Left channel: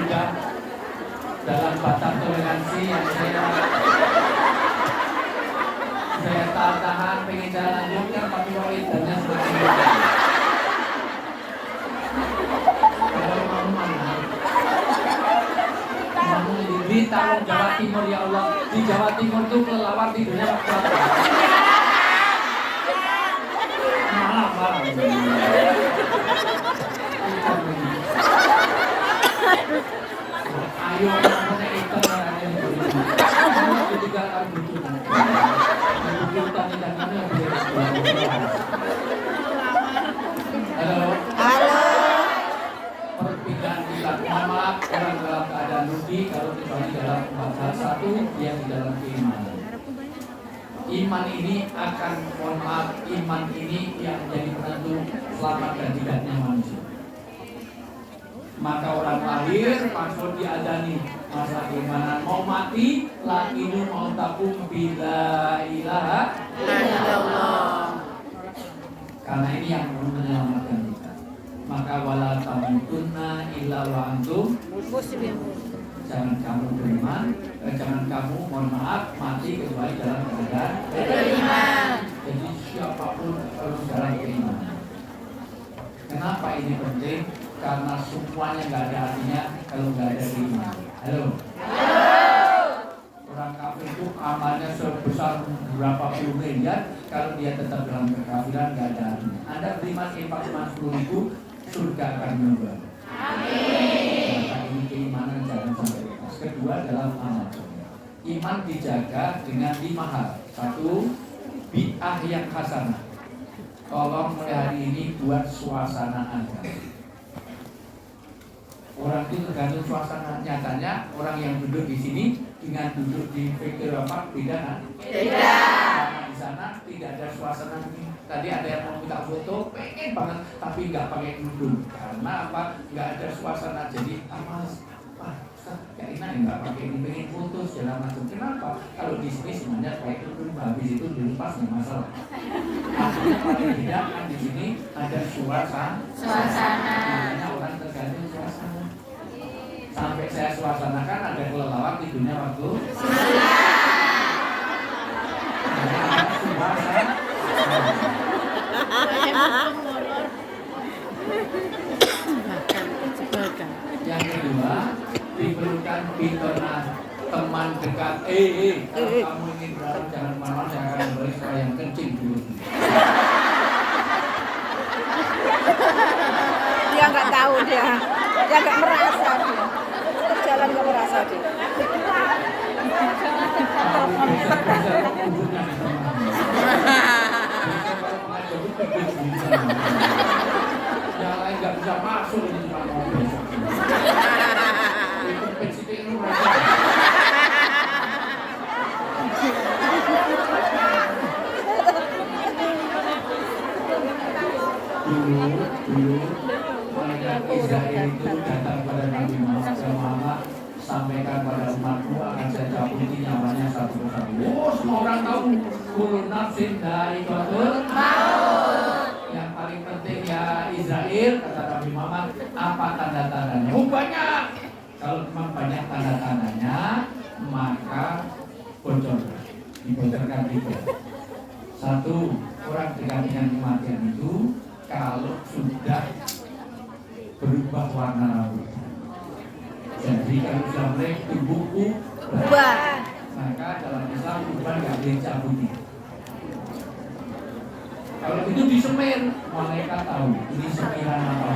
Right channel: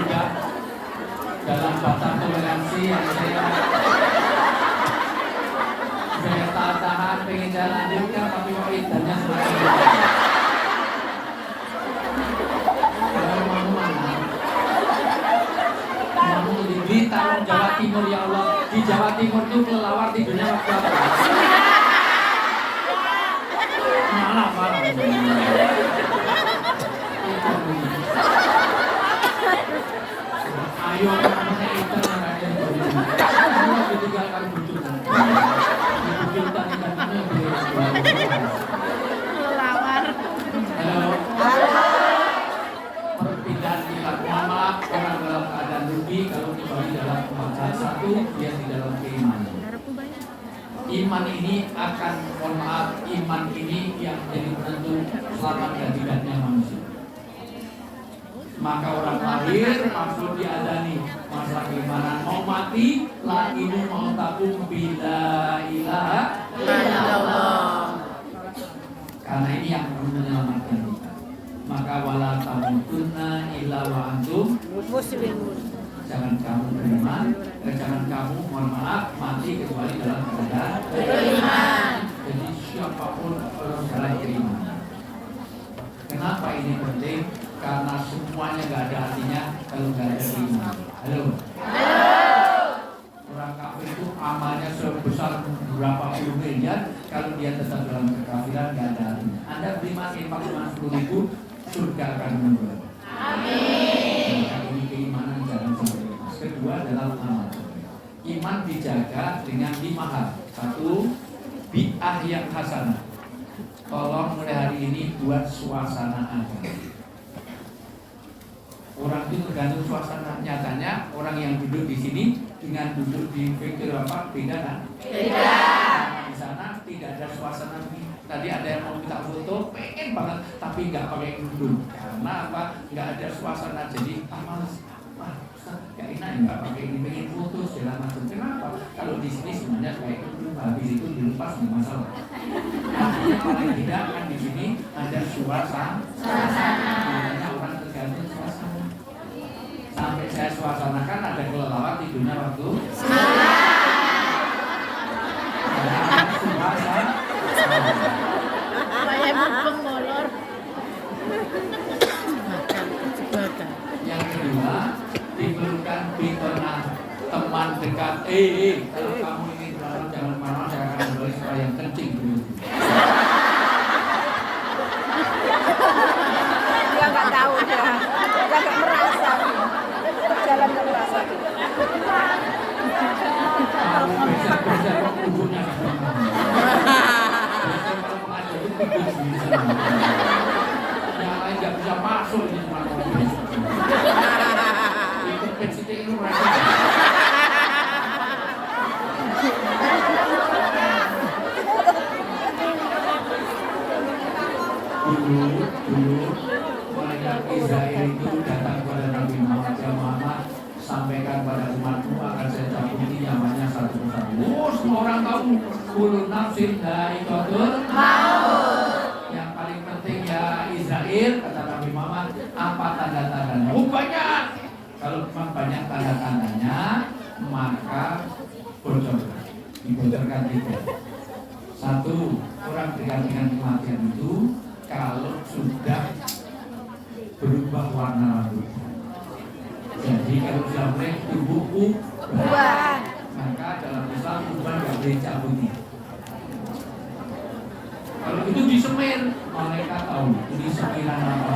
sudah dalam batas toleransi yang saya tahan pengen saya lanjutkan, tapi kok idanya semakin kalau rumahmu mana? Rumahmu di Tarung, Jawa Timur, ya Allah. Di Jawa Timur itu kelelawar tidurnya waktu apa? Malam. Ayo kamu nek ikan carane kamu ditinggal karo bojomu. Ibu kita tidak mana halo. Perpindahan kiblat. Mohon maaf, orang dalam keadaan rugi kalau kembali dalam empat hal. Satu, dia di dalam keimanan. Iman ini akan, mohon maaf, iman ini yang menjadi penentu selamat dan tidaknya manusia. Maka orang lahir maksud diadani masalah keimanan, mau mati la inu mau takum bila ilaha illallah. Karena ini yang menyelamatkan kita. Maka wala tamutunna illa wa antum muslimun. Jangan kamu beriman, jangan kamu, mohon maaf, mati kecuali dalam keadaan beriman. Jadi siapapun harus dalam keimanan. Kenapa ini penting? Karena semuanya nggak ada artinya kalau nggak ada iman. Halo. Orang kafir itu amalnya sebesar berapa puluh miliar, kalau dia tetap dalam kekafiran nggak ada artinya. Anda beriman infak cuma 10.000, surga akan menunggu. Amin. Maka ini keimanan jangan sampai lepas. Kedua dalam amal. Iman dijaga dengan 5 hal. 1, bi'ah yang hasanah. Tolong mulai hari ini buat suasana Anda. Orang itu tergantung suasana. Nyatanya orang yang duduk di sini dengan duduk di Victoria Park beda kan? Beda. Karena di sana tidak ada suasana begini. Tadi ada yang mau minta foto, pengen banget, tapi nggak pakai kerudung. Karena apa? Nggak ada suasana. Jadi gak enak nggak pakai ini, pengen foto segala macam. Kenapa? Kalau di sini semuanya pakai kerudung, habis itu dilepas nggak masalah. Artinya paling tidak kan di sini ada suasana. Makanya orang tergantung suasana. Sampai saya suasanakan ada kelelawar tidurnya waktu ada suasana. Yang kedua, diperlukan pitona teman dekat. Kalau kamu ingin berantem jangan kemana-mana, saya akan memberi setelah yang kencing berikut. Dia nggak tahu, dia nggak merasa, berjalan nggak merasa dia. Kamu beser-beser kok duduknya di tengah. Biasanya kalau pengajar itu pikir di sana. Yang lain nggak bisa masuk, ini cuma mau besok. Itu pensitik itu mereka. Dulu malaikat Israel itu datang kepada Nabi Muhammad, sampaikan pada umatku akan saya cabuti nyawanya satu persatu. Semua orang tahu kullu nafsin dha'iqatul maut. Yang paling penting ya Israel, kata Nabi Muhammad, apa tanda-tandanya? Banyak. Kalau memang banyak tanda-tandanya, maka bocorkan, dibocorkan 3. 1, orang dengan kematian itu kalau sudah berubah warna rambut. Jadi kalau sudah mulai tumbuh ubah, maka dalam Islam uban nggak boleh cabuti. Kalau itu disemir, malaikat tahu ini semiran apa.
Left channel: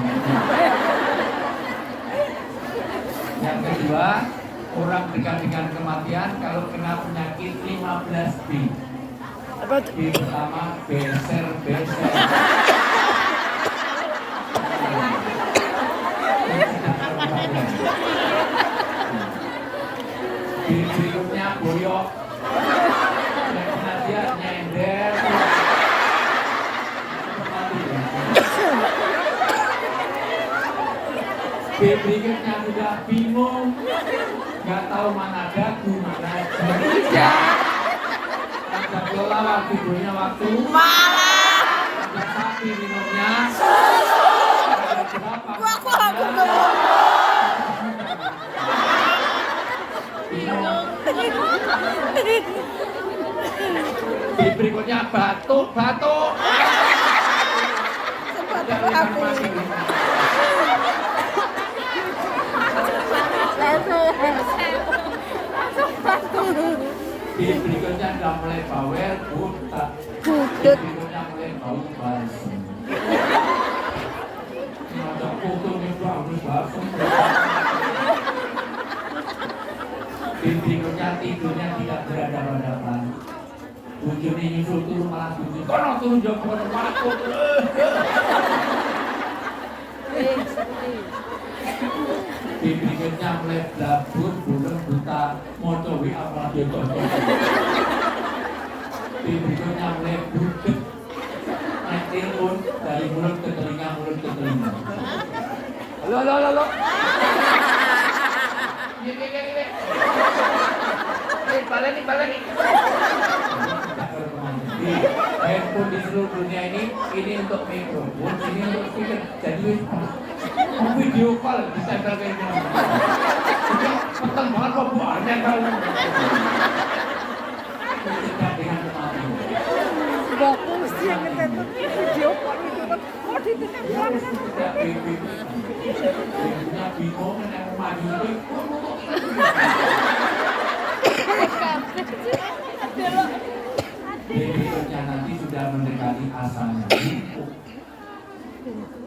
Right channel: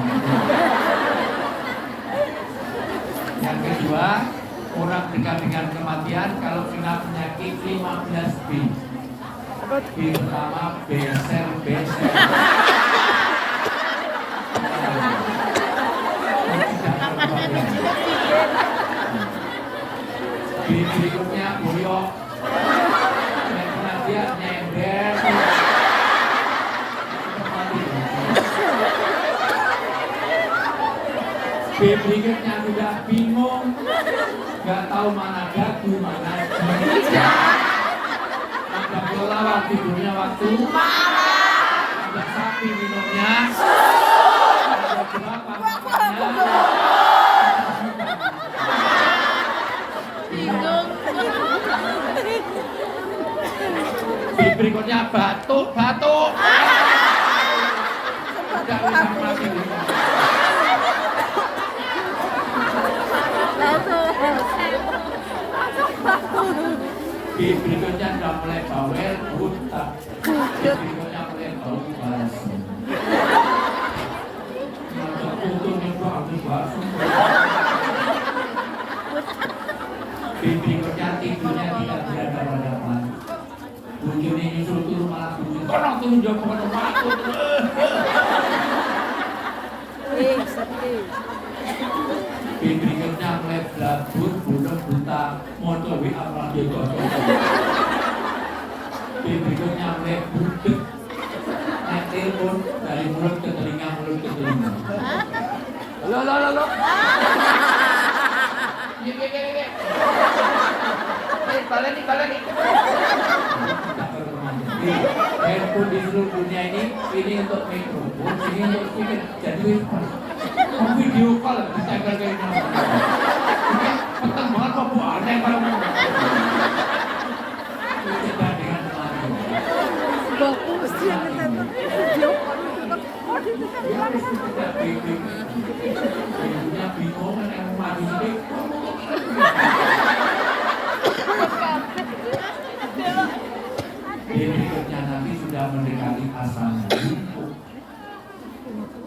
Yang kedua, orang dekat dengan kematian kalau kena penyakit 15B. B pertama beser-beser. B berikutnya boyok. Dan kematian nyender. B berikutnya sudah bingung, nggak tahu mana dagu, mana jidat. Ada kelelawar tidurnya waktu malam, ada sapi minumnya, ada jerapah makannya. berikutnya batuk. Tidak bisa mati. Berikutnya sudah mulai bawel, buta. Berikutnya mulai bau basi. Ada fotonya bau basi. Berikutnya tidurnya tidak berhadapan-hadapan. Bujuni nyusul turun malah bujuni. Kono turun jauh kepada waktu. Berikutnya mulai blabur, bulung, buta, moto, apalagi toto. Berikutnya mulai budek, naik telepon dari mulut ke telinga. Halo. Baleni. Handphone di seluruh dunia ini untuk mikrofon, ini untuk speaker. Jadi video call bisa kayak gini. Peteng banget kok Bu aneh kalau tidak dengan kemarin. Bagus yang nonton video call itu tidak bingung yang maju ini. Berikutnya nanti sudah mendekati asalnya.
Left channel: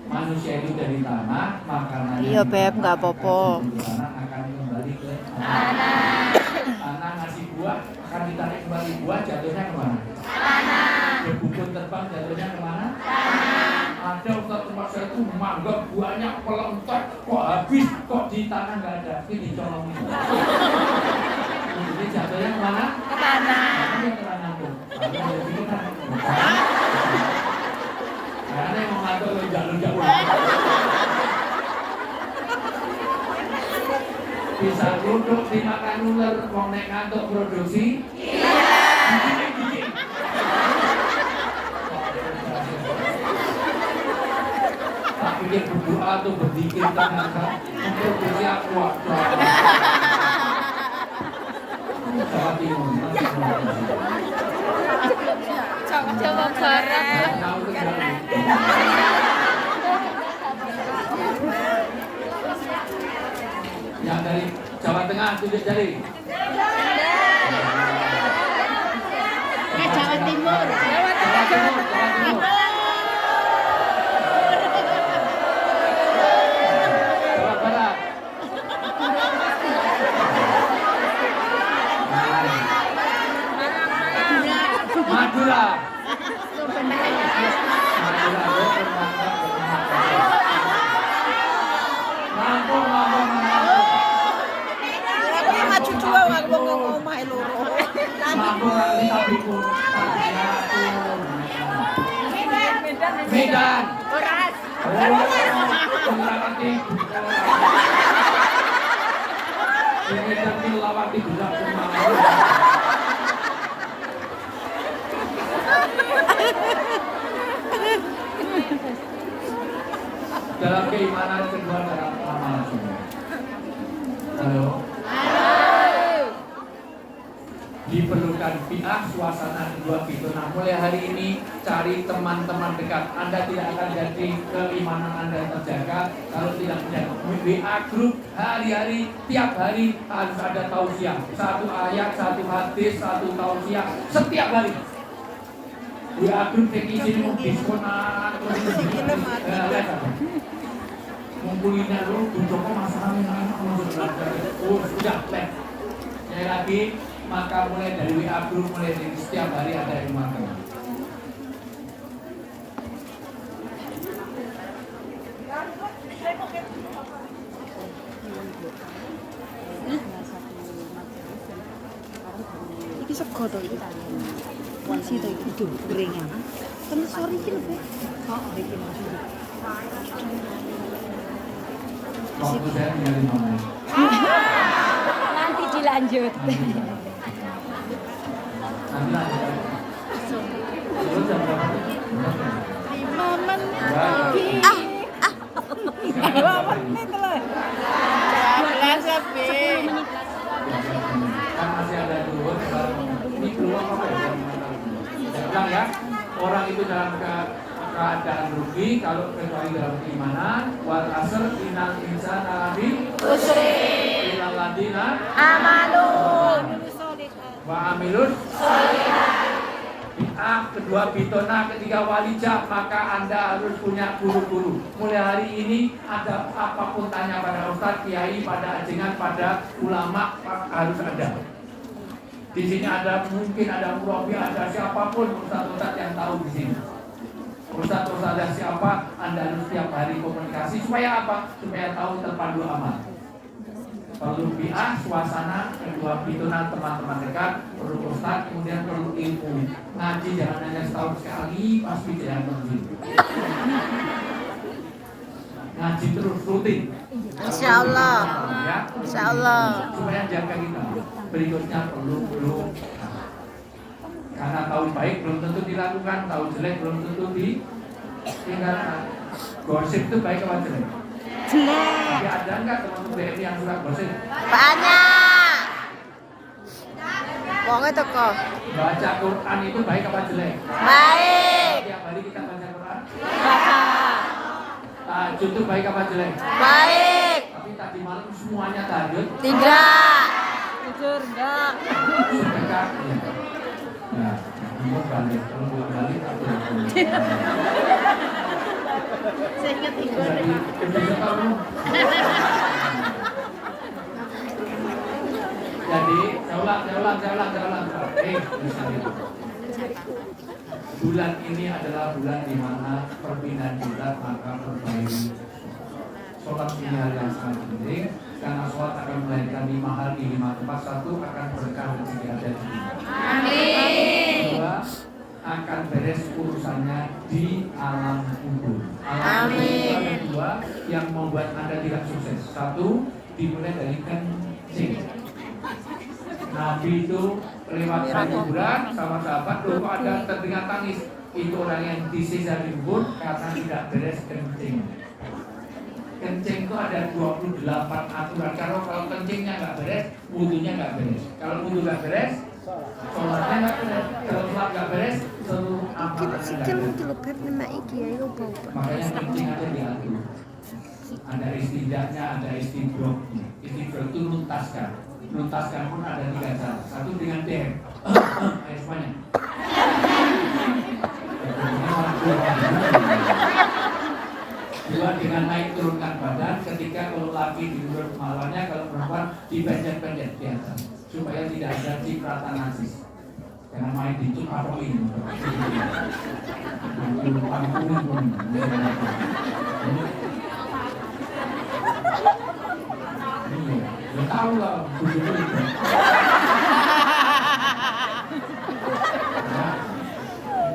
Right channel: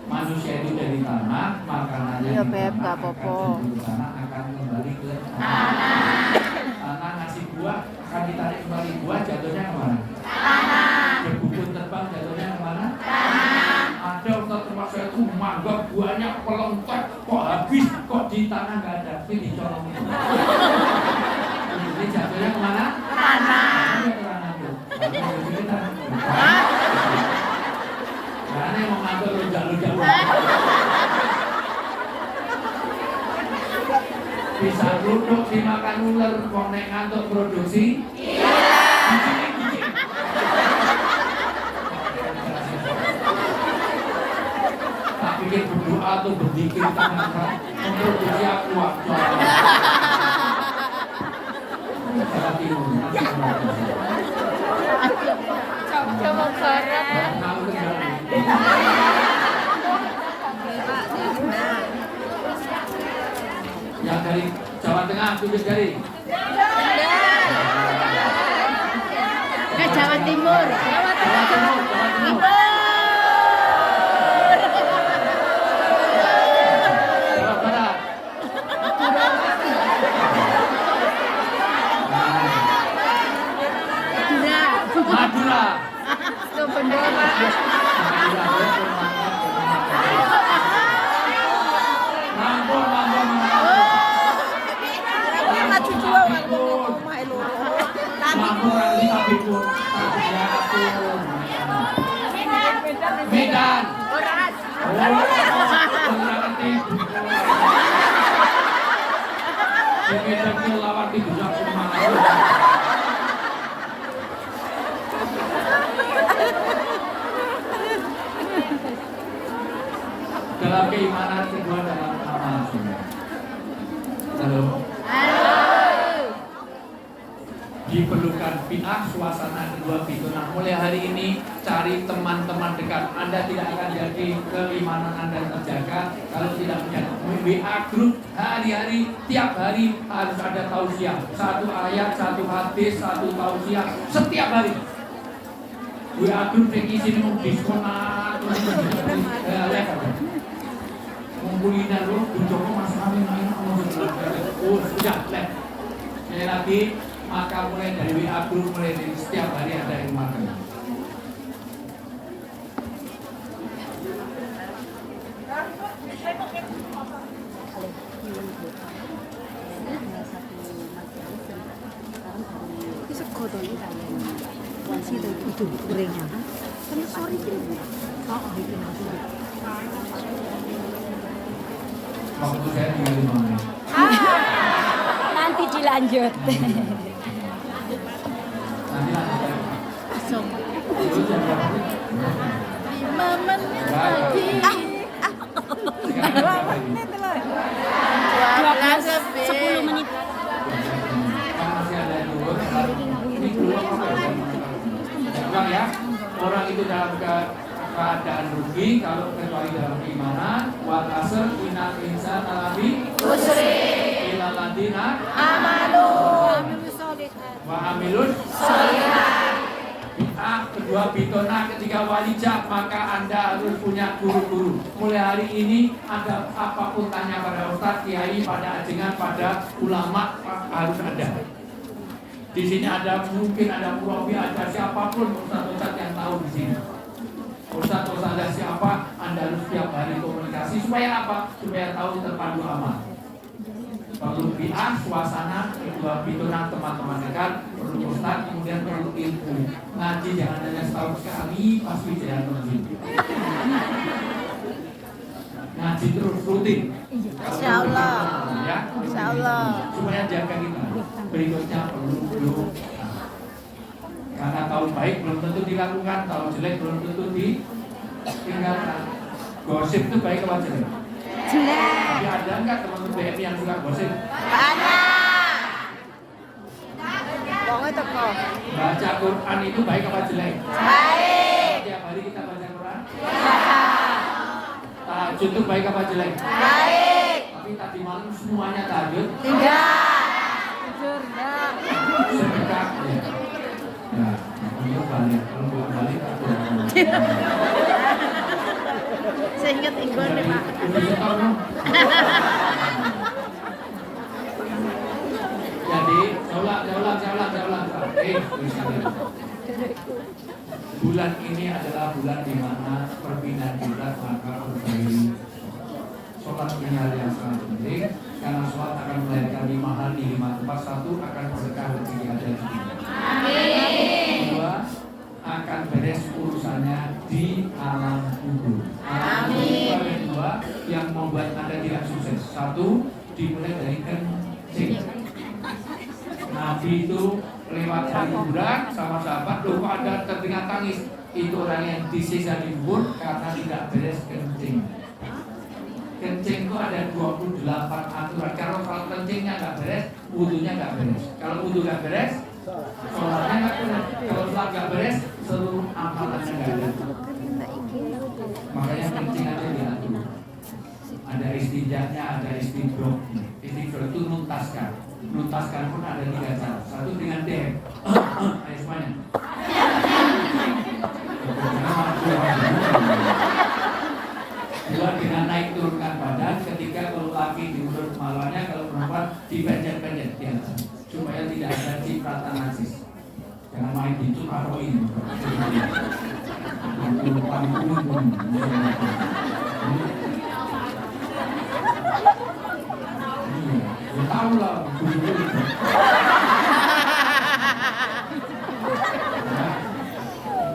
Manusia itu dari tanah, makanannya iya Beb, nggak apa-apa. Tanah akan kembali ke tanah. Tanah ngasih buah, akan ditarik kembali buah, jatuhnya kemana? Tanah. Berbukun terbang, jatuhnya kemana? Tanah. Ada Ustaz tempat saya itu manggap buahnya pelentek, kok habis, kok di tanah nggak ada. Ini colong. Ini jatuhnya kemana? Ke tanah. Ini ke tanah tuh. Karena yang mau ngantuk lonjak-lonjak bisa duduk dimakan ular, wong nek ngantuk produksi gila. Tak pikir berdoa tuh berzikir ternyata memproduksi aku aja. Jawa Timur. Jawa Barat. Tahu kendali. Yang dari Jawa Tengah tunjuk jari. Jawa Timur. Jawa Timur. Jawa Barat. Madura. Lampung mana? maju juga ngomong rumah itu. Lampung kali tapi pun Medan. Melawati. Di Medan melawati budak kemana? Dalam keimanan kedua dalam amal sunnah. Halo. Diperlukan fi'ah suasana kedua itu. Nah mulai hari ini cari teman-teman dekat. Anda tidak akan jadi keimanan Anda terjaga kalau tidak punya WA group hari-hari, tiap hari harus ada tausiah. Satu ayat, satu hadis, satu tausiah setiap hari. WA group yang izin mau diskonan terus live aja. Ngumpulin dulu, Joko Mas Amin sudah live. Sekali lagi, maka mulai dari WA group, mulai dari setiap hari ada yang makan. Bisa kode itu itu gorengan. Kan sorry ini. Oh, itu maksudnya. Waktu saya tinggal 5 menit. Nanti dilanjut. Nanti lanjut. Itu jam berapa sih? 5 menit lagi. 2 menit lah. 12 lebih. Kan masih ada dulu. Ini keluar apa ya? orang itu dalam keadaan rugi kalau kecuali dalam keimanan. Wal asr innal insana lafi Usri. illal ladzina Amanu. wa amilus bid'ah. Kedua bitona, ketiga walijah, maka Anda harus punya guru-guru. Mulai hari ini ada apapun tanya pada ustadz, kiai, pada ajengan, pada ulama harus ada. Di sini ada mungkin ada murabi, ada siapapun ustadz-ustadz yang tahu di sini. Ustadz-ustadz siapa, Anda harus setiap hari komunikasi supaya apa? Supaya tahu terpadu amal. Perlu bi'ah, suasana, kedua bitona teman-teman dekat, perlu ustadz, kemudian perlu ilmu. Ngaji jangan hanya setahun sekali, pasti jangan pergi. Ngaji terus rutin. Insya Allah. Ya, Insya Allah. supaya jaga kita. Berikutnya perlu belum. Karena tahu baik belum tentu dilakukan, tahu jelek belum tentu ditinggalkan. Gosip itu baik apa jelek? Jelek. Tapi ada enggak teman-teman BMI yang suka gosip? Banyak. Wong itu kok. Baca Quran itu baik apa jelek? Baik. Tiap hari kita baca Quran. Baca. Tahajud itu baik apa jelek? Baik. Tapi tadi malam semuanya tahajud. Tidak. Jujur enggak. Sedekah. Nah, itu balik. Kalau belum balik aku Saya ingat ibu. jadi lebih setor dong. Jadi, saya ulang. Bulan ini adalah bulan di mana perpindahan bulan maka perbaiki. Sholat ini hal yang sangat penting karena sholat akan melahirkan 5 hal di 5 tempat. Satu, akan berkah rezeki ada di dunia. Dua, akan beres urusannya di alam kubur. Alam kubur itu ada dua yang membuat Anda tidak sukses. Satu, dimulai dari kencing. Nabi itu lewat dari kuburan sama sahabat, loh kok ada terdengar tangis. Itu orang yang disiksa di kubur karena tidak beres kencing. Kencing itu ada 28 aturan. Kalau kencingnya nggak beres, wudunya nggak beres. Kalau wudu nggak beres, sholatnya nggak beres. Kalau sholat nggak beres, seluruh amalannya nggak beres. Makanya kencing ada diatur. Ada istinjaknya, ada istidrok. Istidrok itu nuntaskan. Nuntaskan pun ada 3 cara. Satu dengan dem. Ayo semuanya. Dua dengan naik turunkan badan. Ketiga kalau laki diurut kepalanya, kalau perempuan dipencet-pencet di atas supaya tidak ada cipratan najis. Jangan main bincuk atau ini. Ya tahu lah,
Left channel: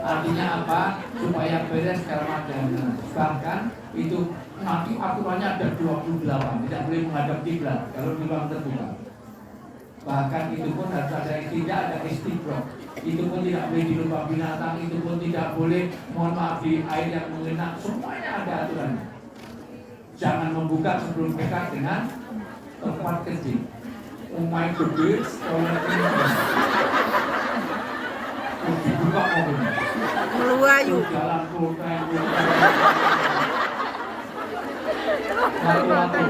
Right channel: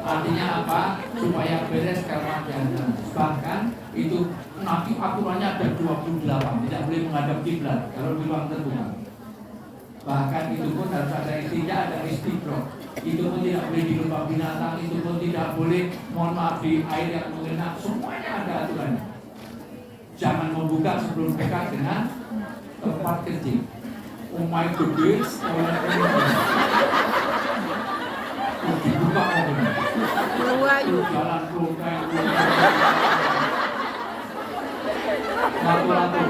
artinya apa? Supaya beres Ramadhan. Bahkan itu nanti aturannya ada 28, tidak boleh menghadap kiblat kalau di ruang terbuka. Bahkan itu pun harus ada istinja, ada istidrok. Itu pun tidak boleh di lubang binatang, itu pun tidak boleh, mohon maaf, di air yang mengenang. Semuanya ada aturannya. Jangan membuka sebelum dekat dengan tempat kencing. Umai gede, dibuka mobilnya. Melayu. Jalan kloteng. Lalu.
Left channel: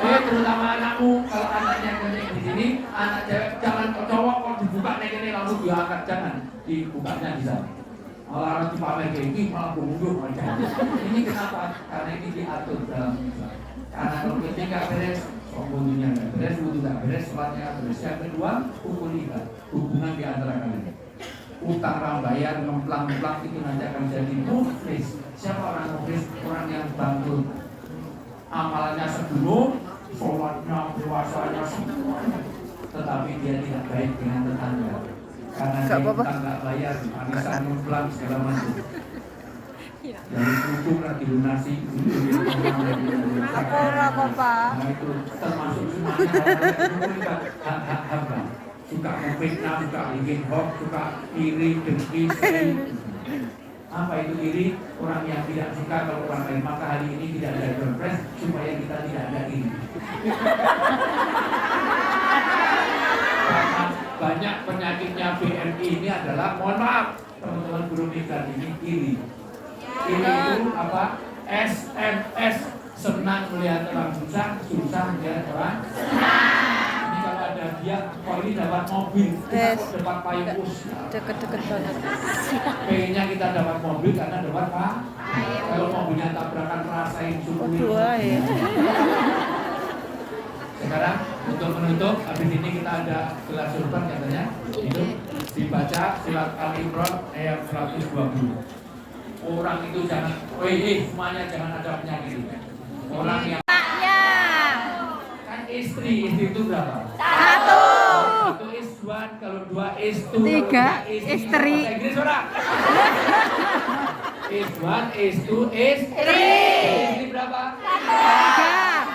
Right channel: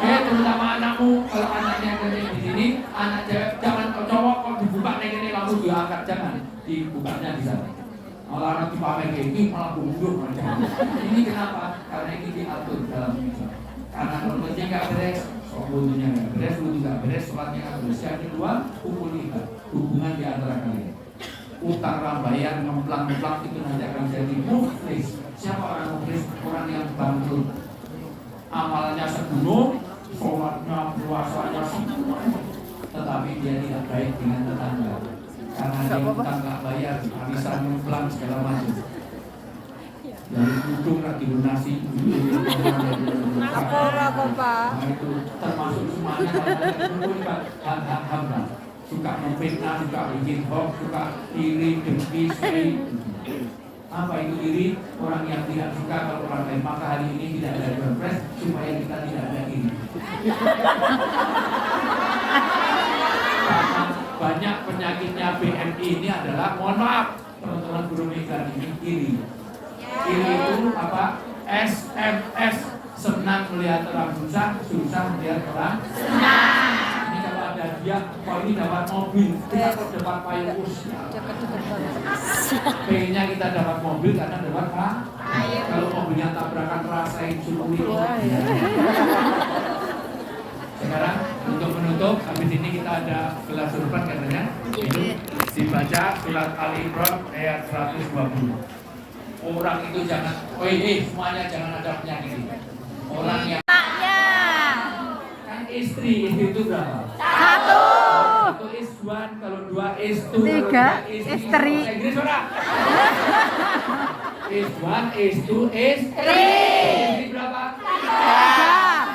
Terutama anakmu, kalau anaknya kencing di sini, anak cewek jangan cowok kok dibuka nih ini langsung diangkat, jangan dibukanya di sana. Malah dipakai ini malah bungkuk aja. Ini kenapa? Karena ini diatur dalam Islam. Karena kalau kencing nggak beres, wudunya nggak beres, wudu nggak beres, sholatnya nggak beres. Yang kedua, hubungan di antara kalian. Utang rambayar, ngemplang-ngemplang itu nanti akan jadi muflis. Siapa orang muflis? Orang yang bangkrut. Amalannya segunung, sholatnya, puasanya semuanya, tetapi dia tidak baik dengan tetangga. Karena dia utang nggak bayar, arisan ngemplang segala macam. Dari kudu lagi lunasi. Nah itu termasuk semuanya hak-hak hamba. Suka memfitnah, suka bikin hoax, suka iri, dengki, sedih. Apa itu iri? Orang yang tidak suka kalau orang lain. Maka hari ini tidak ada doorpress supaya kita tidak ada iri. banyak penyakitnya BMI ini adalah, mohon maaf teman-teman guru migran ini, iri. Iri itu apa? SMS, senang melihat orang susah, susah melihat orang senang. Ini kalau ada dia, kok ini dapat mobil, kita kok dapat payung usia. Deket-deket banget. Pengennya kita dapat mobil karena dapat pak. Kalau mobilnya tabrakan rasain syukuri. Sekarang untuk menutup, habis ini kita ada gelas surban katanya. Itu dibaca surat Al-Imran ayat 120. Orang itu jangan, semuanya jangan ada penyakit. Orang yang Anaknya. kan istri itu berapa? 1. Itu is one, kalau 2 is 2, 3 kalau 3 istri. Inggris ora? Is 1, is 2, is 3. Istri berapa? 3.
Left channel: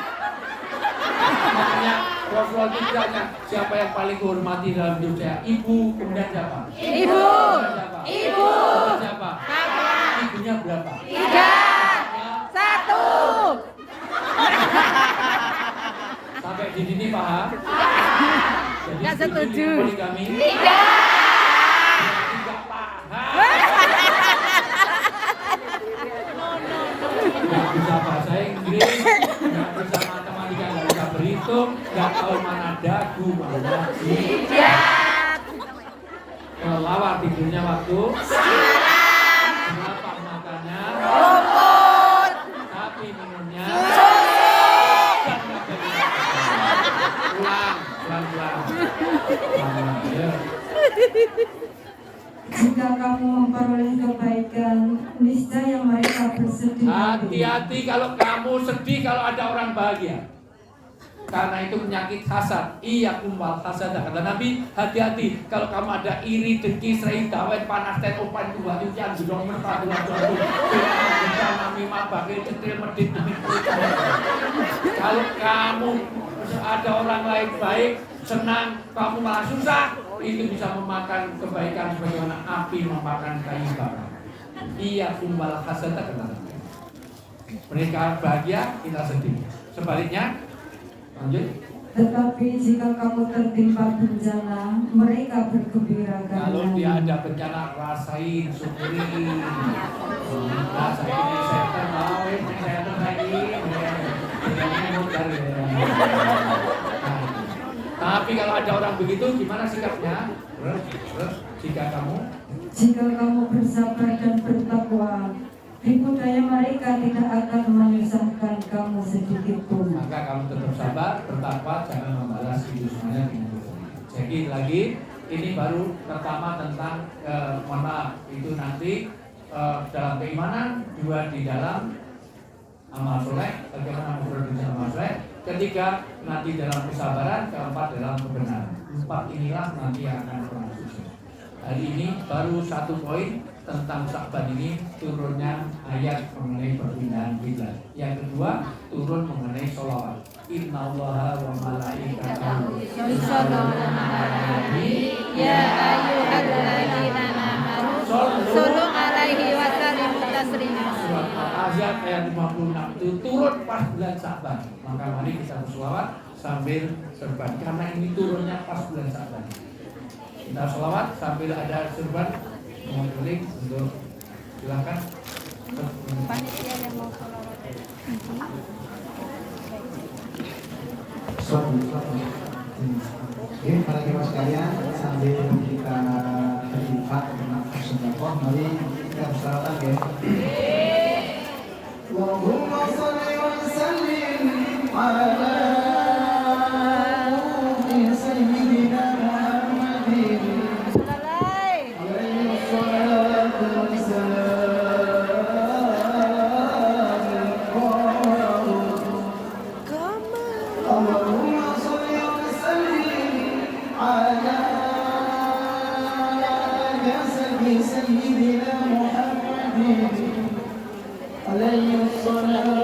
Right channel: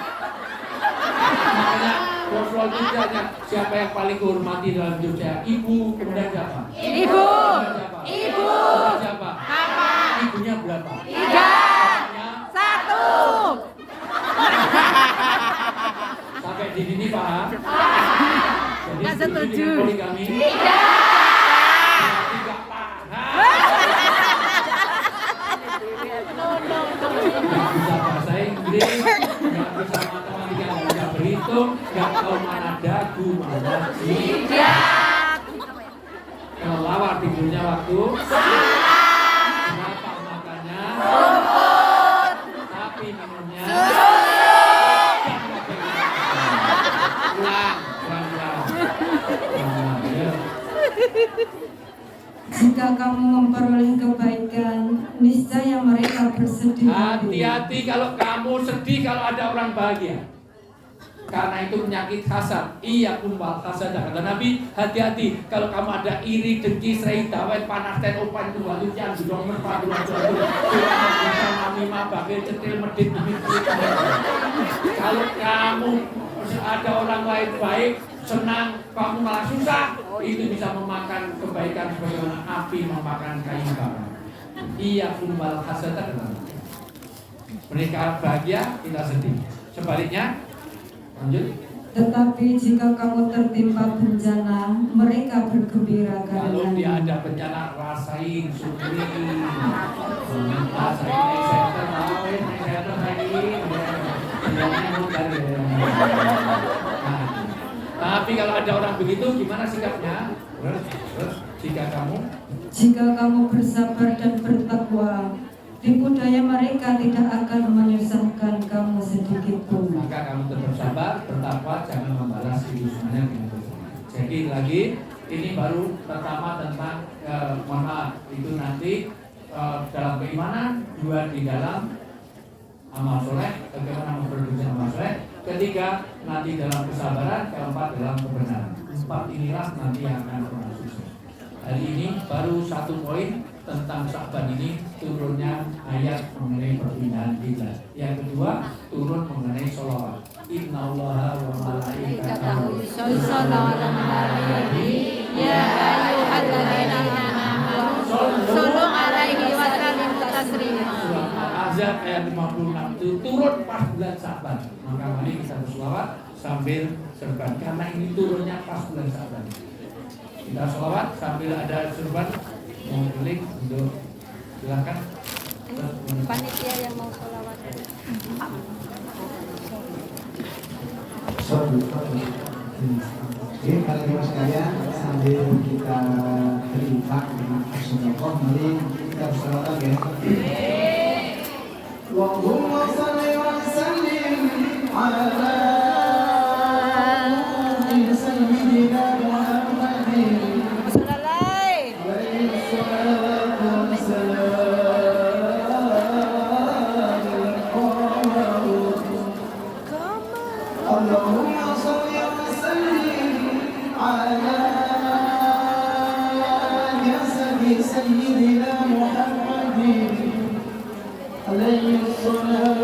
Makanya Rasul ditanya, siapa yang paling dihormati dalam hidup saya? Ibu, kemudian siapa? Ibu. Kemudian siapa? Ibu. Kemudian siapa? Bapak. Ibunya berapa? 3. 1. Sampai di sini paham? Jadi Nggak setuju. poligami? Tidak paham. Nggak bisa bahasa Inggris, nggak bisa matematika, nggak bisa berhitung, nggak tahu mana dagu, mana Lihat. kelelawar tidurnya waktu berapa makannya, tapi minumnya ulang. Jika kamu memperoleh kebaikan, niscaya mereka bersedih. Hati-hati kalau kamu sedih kalau ada orang bahagia. Karena itu penyakit hasad. Iya kumbal hasad. Kata Nabi, hati-hati kalau kamu ada iri, dengki, serai, dawet, panas, ten, opan, dua, tujuan, gedong, merpati, kalau kamu ada orang lain baik, senang, kamu malah susah, itu bisa memakan kebaikan sebagaimana api memakan kayu bakar. Iya kumbal hasad. Kata Nabi. Mereka bahagia, kita sedih. Sebaliknya, lanjut. Tetapi jika kamu tertimpa bencana, mereka bergembira Kalau dia karena ada bencana, rasain, syukuri. Rasain ini saya tahu, saya lagi. Tapi kalau ada orang begitu, gimana sikapnya? Terus jika kamu bersabar dan bertakwa, di budaya mereka tidak akan menyusahkan kamu sedikit pun. maka kamu tetap sabar, bertakwa, jangan membalas itu semuanya dengan dosa. Jadi lagi, ini baru pertama tentang mohon maaf, itu nanti dalam keimanan, 2 di dalam amal soleh, bagaimana memproduksi amal soleh, ketiga nanti dalam kesabaran, keempat dalam kebenaran. 4 inilah nanti yang akan orang sukses. Hari ini baru 1 poin tentang Sya'ban ini, turunnya ayat mengenai perpindahan kiblat. Yang kedua, turun mengenai sholawat. Innallaha wa malaikatahu Yusholluna 'alan nabi ya ayyuhalladzina amanu shollu 'alaihi wa sallimu taslima. Surat Al-Ahzab ayat 56 itu turun pas bulan Sya'ban. Maka mari kita berselawat sambil serban, karena ini turunnya pas bulan Sya'ban. Kita selawat sambil ada serban. Mohon link untuk silakan. Panitia yang mau Oke, teman-teman sekalian, sambil kita berinfak dengan sedekah, mari kita bersalawat ya. Allahumma shalli wa sallim ala sayyidina Muhammadin. سيدنا محمد عليه الصلاة